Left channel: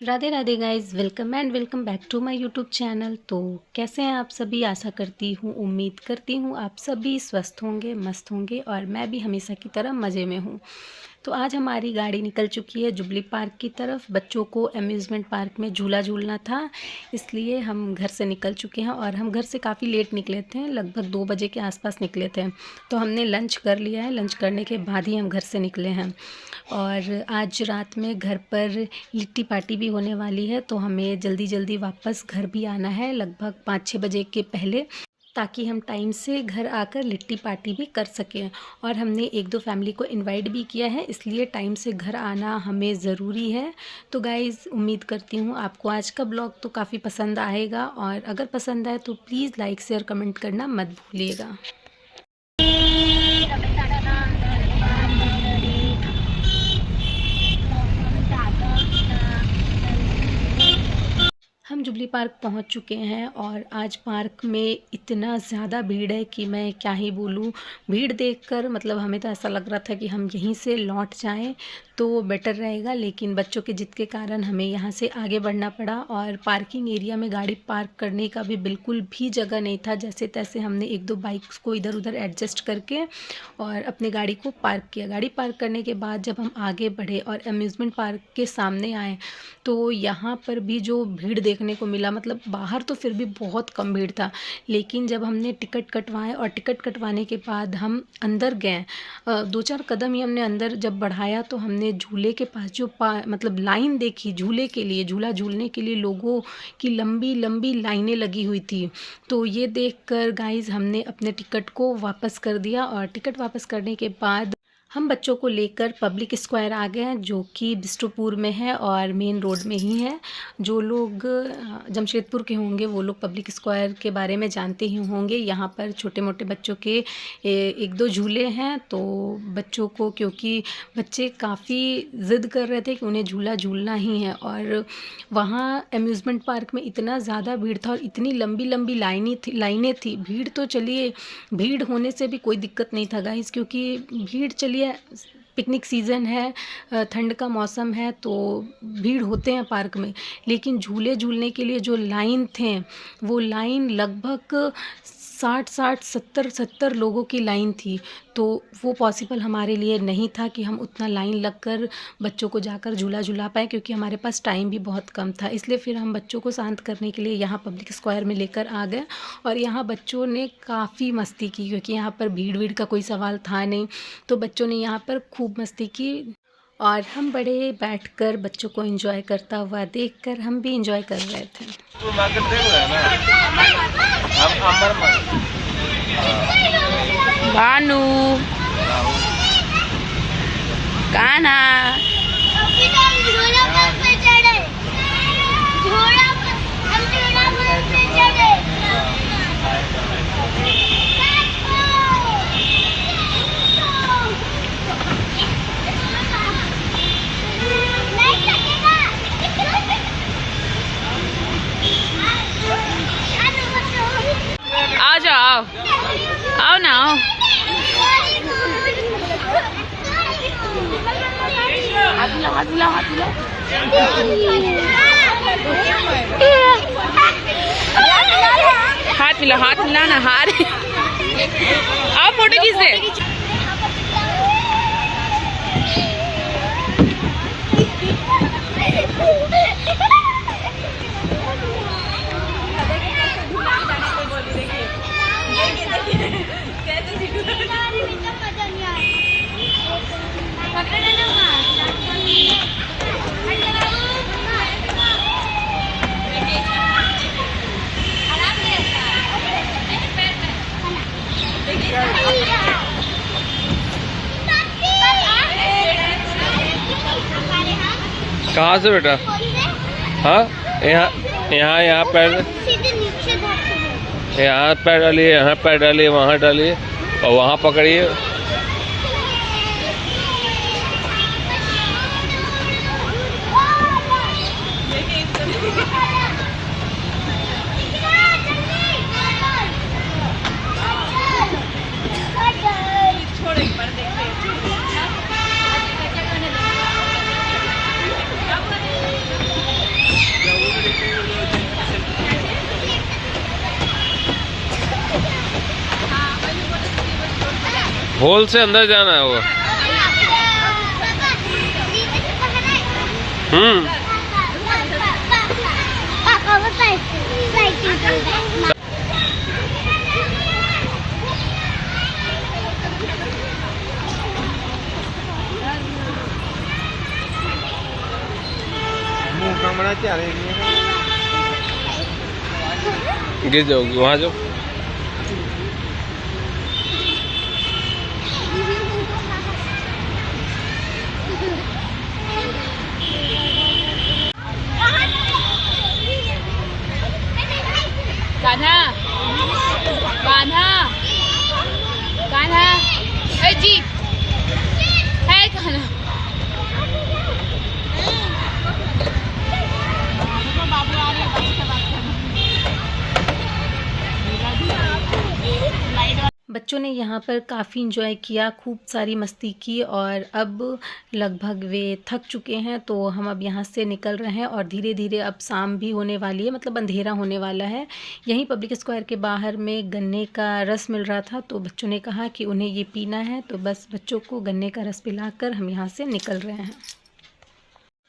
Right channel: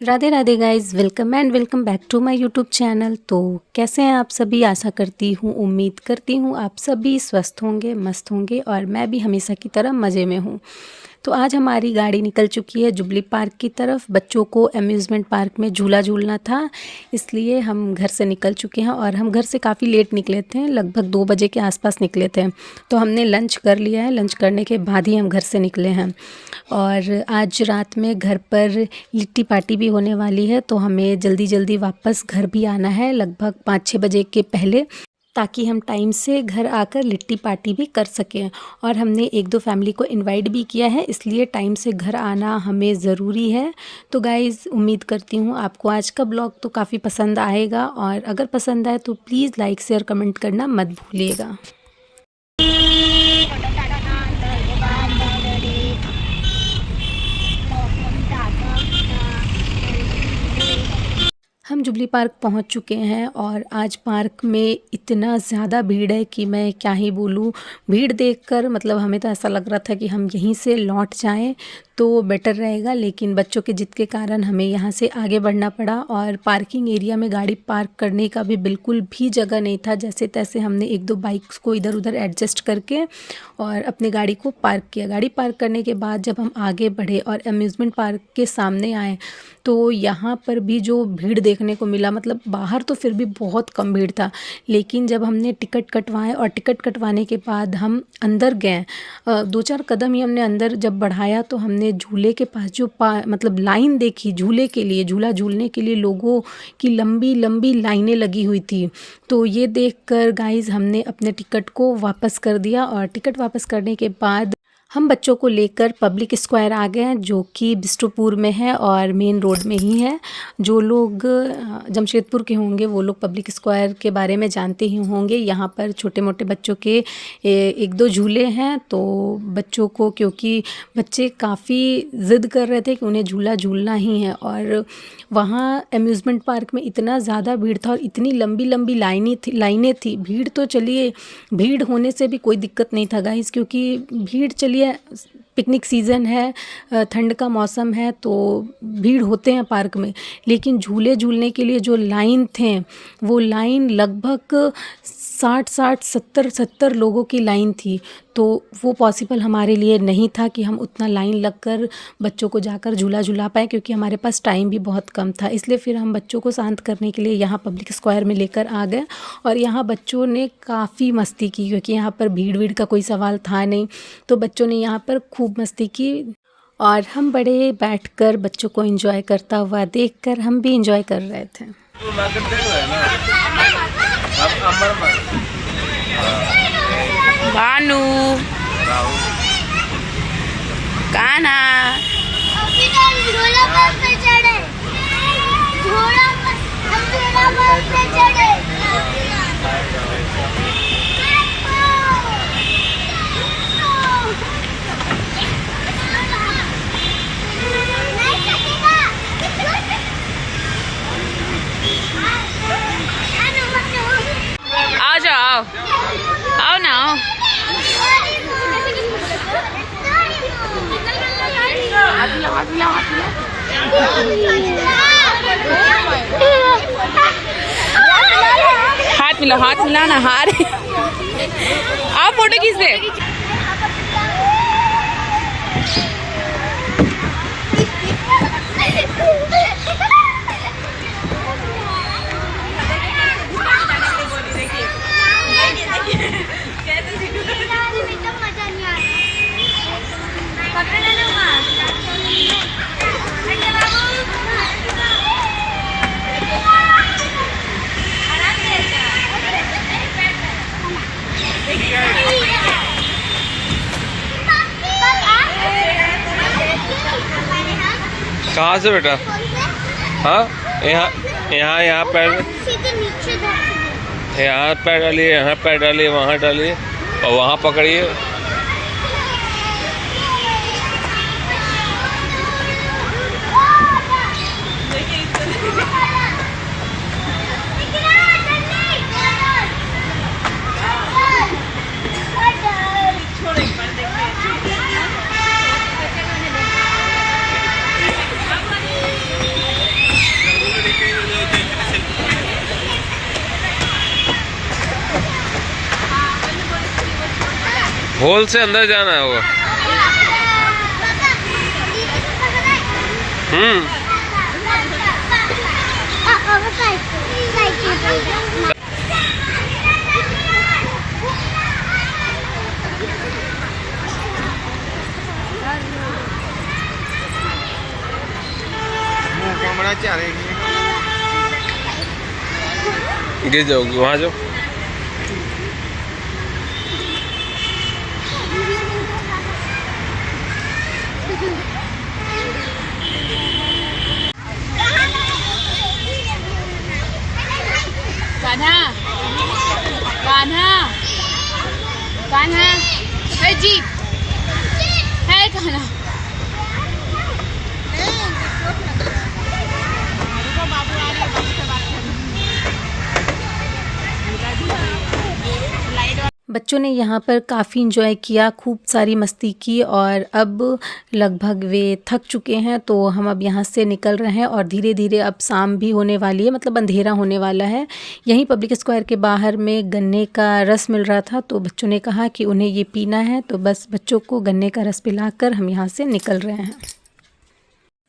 Radhe Radhe guys, welcome back to my YouTube channel. तो कैसे हैं आप सभी? आशा करती हूँ, उम्मीद करती हूँ आप सभी स्वस्थ होंगे, मस्त होंगे और मैं भी हमेशा की तरह मज़े में हूँ। तो आज हमारी गाड़ी निकल चुकी है जुबली पार्क की तरफ। बच्चों को अम्यूज़मेंट पार्क में झूला झूलना था, इसलिए हम घर से निकल चुके हैं और हम घर से काफ़ी लेट निकले थे, लगभग 2 बजे के आसपास निकले थे। तो हमने लंच कर लिया है, लंच करने के बाद ही हम घर से निकले हैं। और आज रात में घर पर लिट्टी पार्टी भी होने वाली है, तो हमें जल्दी जल्दी वापस घर भी आना है, लगभग 5-6 बजे के पहले, ताकि हम टाइम से घर आकर लिट्टी पार्टी भी कर सकें। और हमने 1-2 फैमिली को इनवाइट भी किया है, इसलिए टाइम से घर आना हमें ज़रूरी है। तो गाइज़, उम्मीद करती हूँ आपको आज का ब्लॉग तो काफ़ी पसंद आएगा, और अगर पसंद आए तो प्लीज़ लाइक शेयर कमेंट करना मत भूलिएगा। हम जुबली पार्क पहुंच चुके हैं और आज पार्क में इतना ज़्यादा भीड़ है कि मैं क्या ही बोलूं। भीड़ देखकर मतलब हमें तो ऐसा लग रहा था कि हम यहीं से लौट जाएं तो बेटर रहेगा, लेकिन बच्चों के जिद के कारण हमें यहाँ से आगे बढ़ना पड़ा। और पार्किंग एरिया में गाड़ी पार्क करने का भी बिल्कुल भी जगह नहीं था। जैसे तैसे हमने 1-2 बाइक्स को इधर उधर एडजस्ट करके और अपनी गाड़ी को पार्क किया। गाड़ी पार्क करने के बाद जब हम आगे बढ़े और अम्यूज़मेंट पार्क के सामने आए तो यहाँ पर भी जो भीड़ देखने को मिला, मतलब बाहर तो फिर भी बहुत कम भीड़ था, लेकिन जब हमने टिकट कटवाए और टिकट कटवाने के बाद हम अंदर गए, 2-4 कदम ही हमने अंदर जब बढ़ाया तो हमने झूले के पास जो मतलब लाइन देखी झूले के लिए, झूला झूलने के लिए लोगों की लंबी लंबी लाइनें लगी हुई थी। तो ये देखकर गाइस हमने अपने टिकट को वापस कर दिया, और टिकट वापस करने के बाद हम बच्चों को लेकर पब्लिक स्क्वायर आ गए हैं, जो कि बिष्टुपुर में है और मेन रोड में ही है। जो लोग जमशेदपुर के होंगे वो लोग पब्लिक स्क्वायर के बारे में जानते ही होंगे। यहाँ पर छोटे मोटे बच्चों के 1-2 झूले हैं, तो बच्चों को, क्योंकि बच्चे काफ़ी ज़िद कर रहे थे कि उन्हें झूला झूलना ही है, और वहाँ अम्यूज़मेंट पार्क में इतना ज़्यादा भीड़ था और इतनी लंबी लंबी लाइनें थी। भीड़ तो चलिए, भीड़ होने से भी कोई दिक्कत नहीं था गाइस, क्योंकि भीड़ चलिए पिकनिक सीज़न है, ठंड का मौसम है, तो भीड़ होते हैं पार्क में। लेकिन झूले झूलने के लिए जो लाइन थे, वो लाइन लगभग 60 70 लोगों की लाइन थी। तो वो पॉसिबल हमारे लिए नहीं था कि हम उतना लाइन लगकर बच्चों को जाकर झूला झूला पाए, क्योंकि हमारे पास टाइम भी बहुत कम था। इसलिए फिर हम बच्चों को शांत करने के लिए यहाँ पब्लिक स्क्वायर में लेकर आ गए, और यहाँ बच्चों ने काफ़ी मस्ती की, क्योंकि यहाँ पर भीड़ का कोई सवाल था नहीं। तो बच्चों ने यहाँ पर खूब मस्ती की, और हम बड़े बैठकर बच्चों को एंजॉय करता हुआ देखकर हम भी एंजॉय कर रहे थे। भानु काना झोला पर चढ़े, झोला पर चढ़े। आ जाओ, आओ ना, आओ। हाथ मिला ना, हाथ। आओ फोटो खींच दे। कहाँ से बेटा? हाँ, यहाँ पैर, यहाँ पैर डालिए, यहाँ पैर डालिए, वहाँ डालिए और वहाँ पकड़िए। होल से अंदर जाना है वो। पापा बताइए साइकिल पर बैठना। गिर जाओगी वहाँ जाओ। कान्हा कान्हा कान्हा है जी है कान्हा। बच्चों ने यहाँ पर काफ़ी इंजॉय किया, खूब सारी मस्ती की और अब लगभग वे थक चुके हैं, तो हम अब यहाँ से निकल रहे हैं और धीरे धीरे अब शाम भी होने वाली है, मतलब अंधेरा होने वाला है। यहीं पब्लिक स्क्वायर के बाहर में गन्ने का रस मिल रहा था, तो बच्चों ने कहा कि उन्हें ये पीना है, तो बस बच्चों को गन्ने का रस पिलाकर हम यहाँ से निकल रहे हैं।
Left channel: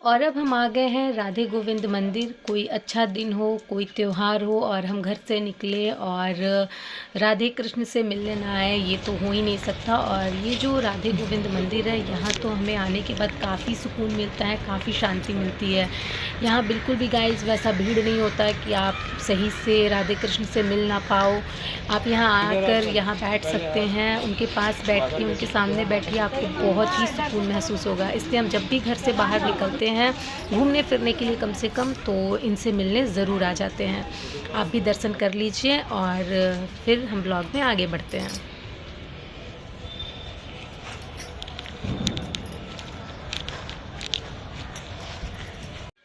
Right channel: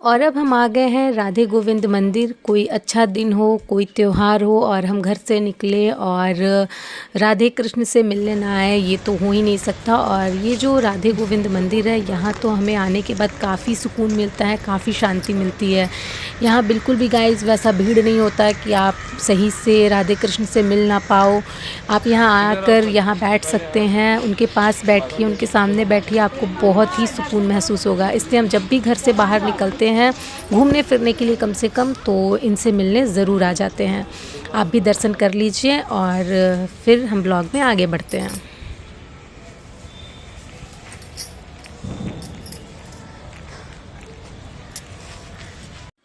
और अब हम आ गए हैं राधे गोविंद मंदिर। कोई अच्छा दिन हो, कोई त्यौहार हो और हम घर से निकले और राधे कृष्ण से मिलने ना आए, ये तो हो ही नहीं सकता। और ये जो राधे गोविंद मंदिर है, यहाँ तो हमें आने के बाद काफ़ी सुकून मिलता है, काफ़ी शांति मिलती है। यहाँ बिल्कुल भी गाइस वैसा भीड़ नहीं होता है कि आप सही से राधे कृष्ण से मिल ना पाओ। आप यहाँ आकर यहाँ बैठ सकते हैं, उनके पास बैठिए, उनके सामने बैठिए, आपको बहुत ही सुकून महसूस होगा। इसलिए हम जब भी घर से बाहर निकलते हैं घूमने फिरने के लिए कम से कम, तो इनसे मिलने ज़रूर आ जाते हैं। आप भी दर्शन कर लीजिए और फिर हम ब्लॉग में आगे बढ़ते हैं।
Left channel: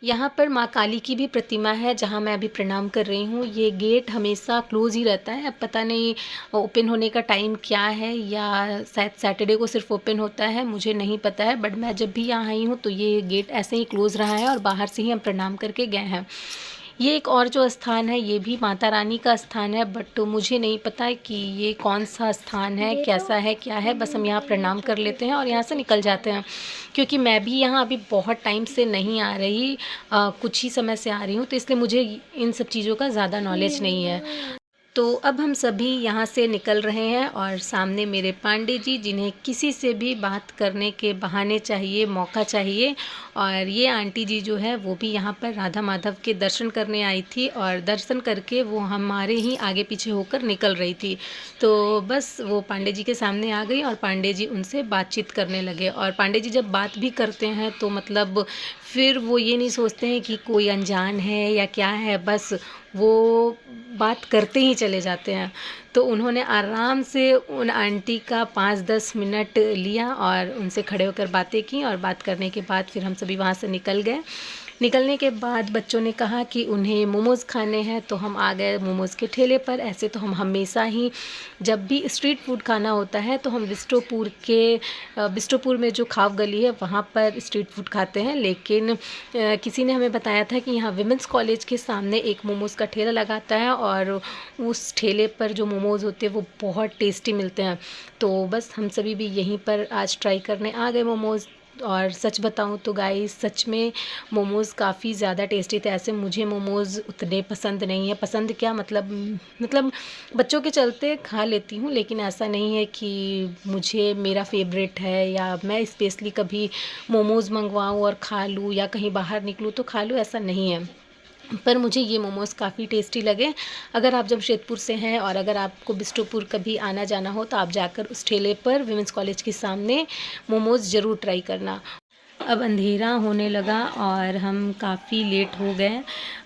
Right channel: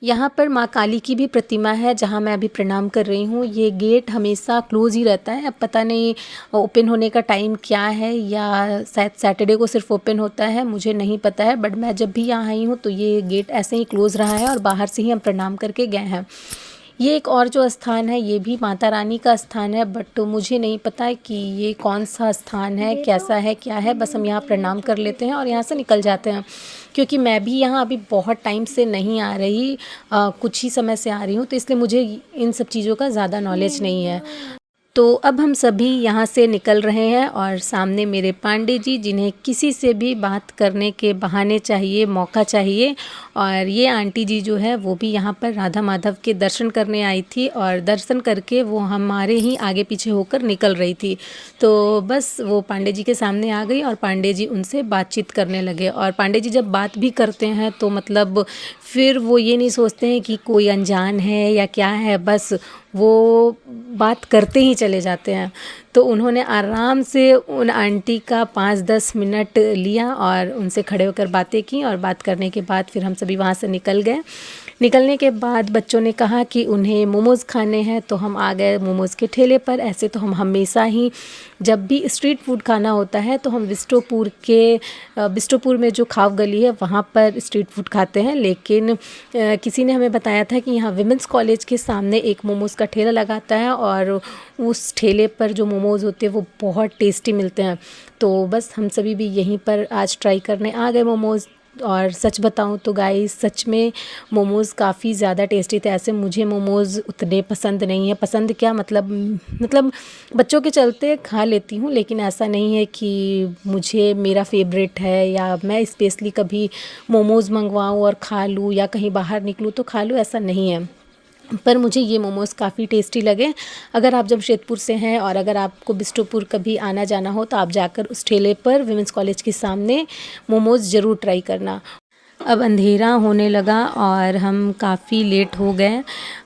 यहाँ पर माँ काली की भी प्रतिमा है, जहाँ मैं अभी प्रणाम कर रही हूँ। ये गेट हमेशा क्लोज़ ही रहता है, अब पता नहीं ओपन होने का टाइम क्या है, या शायद सैटरडे को सिर्फ ओपन होता है, मुझे नहीं पता है। बट मैं जब भी यहाँ आई हूँ तो ये गेट ऐसे ही क्लोज़ रहा है और बाहर से ही हम प्रणाम करके गए हैं। ये एक और जो स्थान है, ये भी माता रानी का स्थान है, बट मुझे नहीं पता कि ये कौन सा स्थान है, कैसा है, क्या है। बस हम यहाँ प्रणाम कर लेते हैं और यहाँ से निकल जाते हैं, क्योंकि मैं भी यहाँ अभी बहुत टाइम से नहीं आ रही, कुछ ही समय से आ रही हूँ, तो इसलिए मुझे इन सब चीज़ों का ज़्यादा नॉलेज नहीं है। तो अब हम सभी यहाँ से निकल रहे हैं और सामने मेरे पांडे जी, जिन्हें किसी से भी बात करने के बहाने चाहिए, मौका चाहिए। और ये आंटी जी जो है वो भी यहाँ पर राधा माधव के दर्शन करने आई थी और दर्शन करके वो हमारे ही आगे पीछे होकर निकल रही थी। तो बस वो पांडे जी के सामने आ गई और पांडे जी उनसे बातचीत करने लगे। और पांडे जी जब बात भी करते हैं तो मतलब फिर वो ये नहीं सोचते हैं कि कोई अनजान है या क्या है, बस वो बात करते ही चले जाते हैं। तो उन्होंने आराम से उन आंटी का 5-10 मिनट लिया और उनसे खड़े होकर बातें की, और बात करने के बाद फिर हम सभी वहाँ से निकल गए। निकलने के बाद बच्चों ने कहा कि उन्हें मोमोज़ खाने हैं, तो हम आ गए मोमोज़ के ठेले पर। ऐसे तो हम हमेशा ही जब भी स्ट्रीट फूड खाना होता है तो हम बिस्टोपुर में जो खाव गली है वहाँ पर स्ट्रीट फूड खाते हैं, लेकिन किसी ने हमें बताया था कि यहाँ विमेंस कॉलेज के सामने एक मोमोज़ का ठेला लगाता है और उस ठेले पर जो मोमोज़ होते हैं वो बहुत टेस्टी मिलते हैं। तो बस हम सभी भी यहीं पर आज ट्राई करने आ गए मोमोज़। और सच बताऊं तो गाइस, सच में मोमोज़ काफ़ी ज़्यादा टेस्टी थे। ऐसे मुझे मोमोज़ उतने पसंद नहीं है, पसंद क्या मतलब बच्चों के चलते खा लेती हूँ, लेकिन ऐसा नहीं है कि मुझे मेरा फेवरेट है या मैं स्पेशली कभी मोमोज़ मंगवाऊँ और खा लूँ या कहीं बाहर निकलूँ तो खा लूँ, ऐसा नहीं है। पर मुझे ये मोमोज़ काफ़ी टेस्टी लगे। अगर आप जमशेदपुर से हैं और अगर आपको बिस्टोपुर कभी आना जाना हो तो आप जाकर उस ठेले पर विमेंस कॉलेज के सामने मोमोज़ ज़रूर ट्राई करना। अब अंधेरा होने लगा और हम काफ़ी लेट हो गए।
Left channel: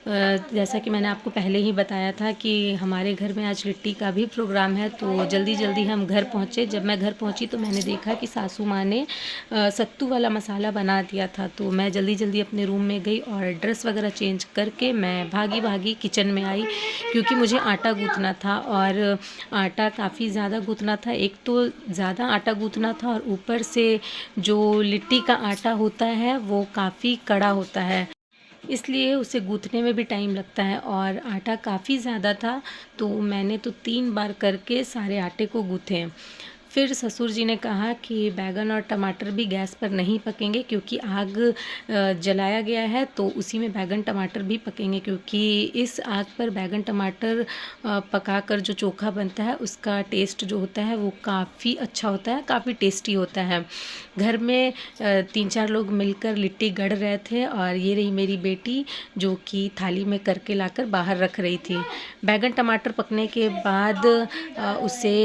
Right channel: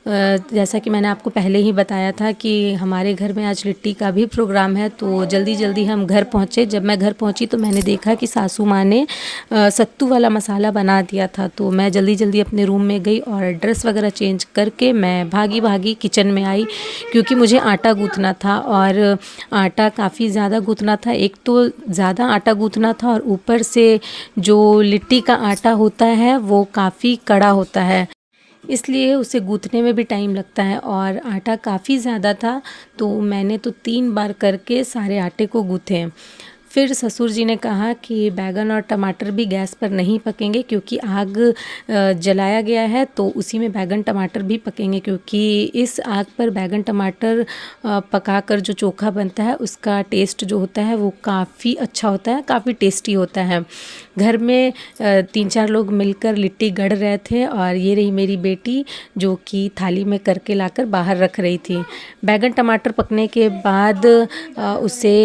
जैसा कि मैंने आपको पहले ही बताया था कि हमारे घर में आज लिट्टी का भी प्रोग्राम है, तो जल्दी जल्दी हम घर पहुँचे। जब मैं घर पहुँची तो मैंने देखा कि सासू माँ ने सत्तू वाला मसाला बना दिया था, तो मैं जल्दी जल्दी अपने रूम में गई और ड्रेस वगैरह चेंज करके मैं भागी किचन में आई, क्योंकि मुझे आटा गूँथना था। और आटा काफ़ी ज़्यादा गूँथना था, एक तो ज़्यादा आटा गूँथना था और ऊपर से जो लिट्टी का आटा होता है वो काफ़ी कड़ा होता है, इसलिए उसे गूँथने में भी टाइम लगता है। और आटा काफ़ी ज़्यादा था, तो मैंने तो 3 बार करके सारे आटे को गूँथे। फिर ससुर जी ने कहा कि बैगन और टमाटर भी गैस पर नहीं पकेंगे क्योंकि आग जलाया गया है, तो उसी में बैगन टमाटर भी पकेंगे, क्योंकि इस आग पर बैगन टमाटर पकाकर जो चोखा बनता है उसका टेस्ट जो होता है वो काफ़ी अच्छा होता है, काफ़ी टेस्टी होता है। घर में 3-4 लोग मिलकर लिट्टी गढ़ रहे थे और ये रही मेरी बेटी जो कि थाली में करके लाकर बाहर रख रही थी। बैगन टमाटर पकने के बाद उसे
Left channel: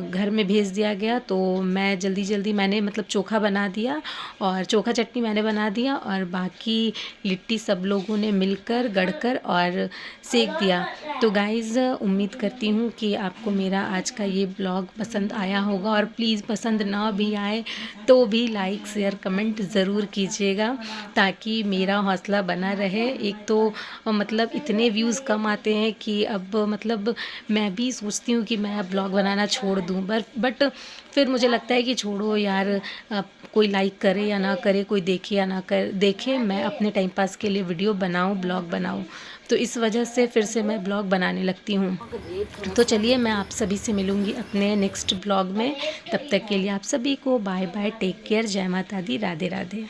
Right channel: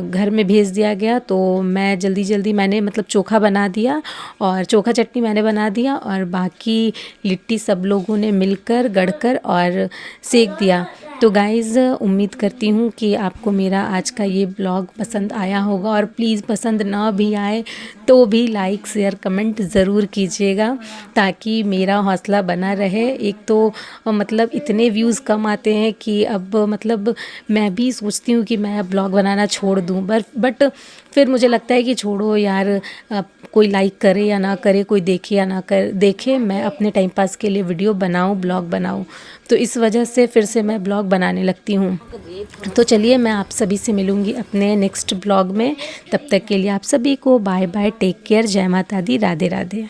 घर में भेज दिया गया, तो मैं जल्दी मैंने मतलब चोखा बना दिया और चोखा चटनी मैंने बना दिया और बाकी लिट्टी सब लोगों ने मिलकर गढ़कर और सेक दिया। तो गाइज़ उम्मीद करती हूँ कि आपको मेरा आज का ये ब्लॉग पसंद आया होगा, और प्लीज़ पसंद ना भी आए तो भी लाइक शेयर कमेंट ज़रूर कीजिएगा ताकि मेरा हौसला बना रहे। एक तो मतलब इतने व्यूज़ कम आते हैं कि अब मतलब मैं भी सोचती हूँ कि मैं अब ब्लॉग बनाना छोड़ दूँ, बट फिर मुझे लगता है कि छोड़ो यार, कोई लाइक करे या ना करे, कोई देखे या ना देखे, मैं अपने टाइम पास के लिए वीडियो बनाऊँ, ब्लॉग बनाऊँ, तो इस वजह से फिर से मैं ब्लॉग बनाने लगती हूँ। तो चलिए मैं आप सभी से मिलूँगी अपने नेक्स्ट ब्लॉग में, तब तक के लिए आप सभी को बाय बाय, टेक केयर, जय माता दी, राधे राधे।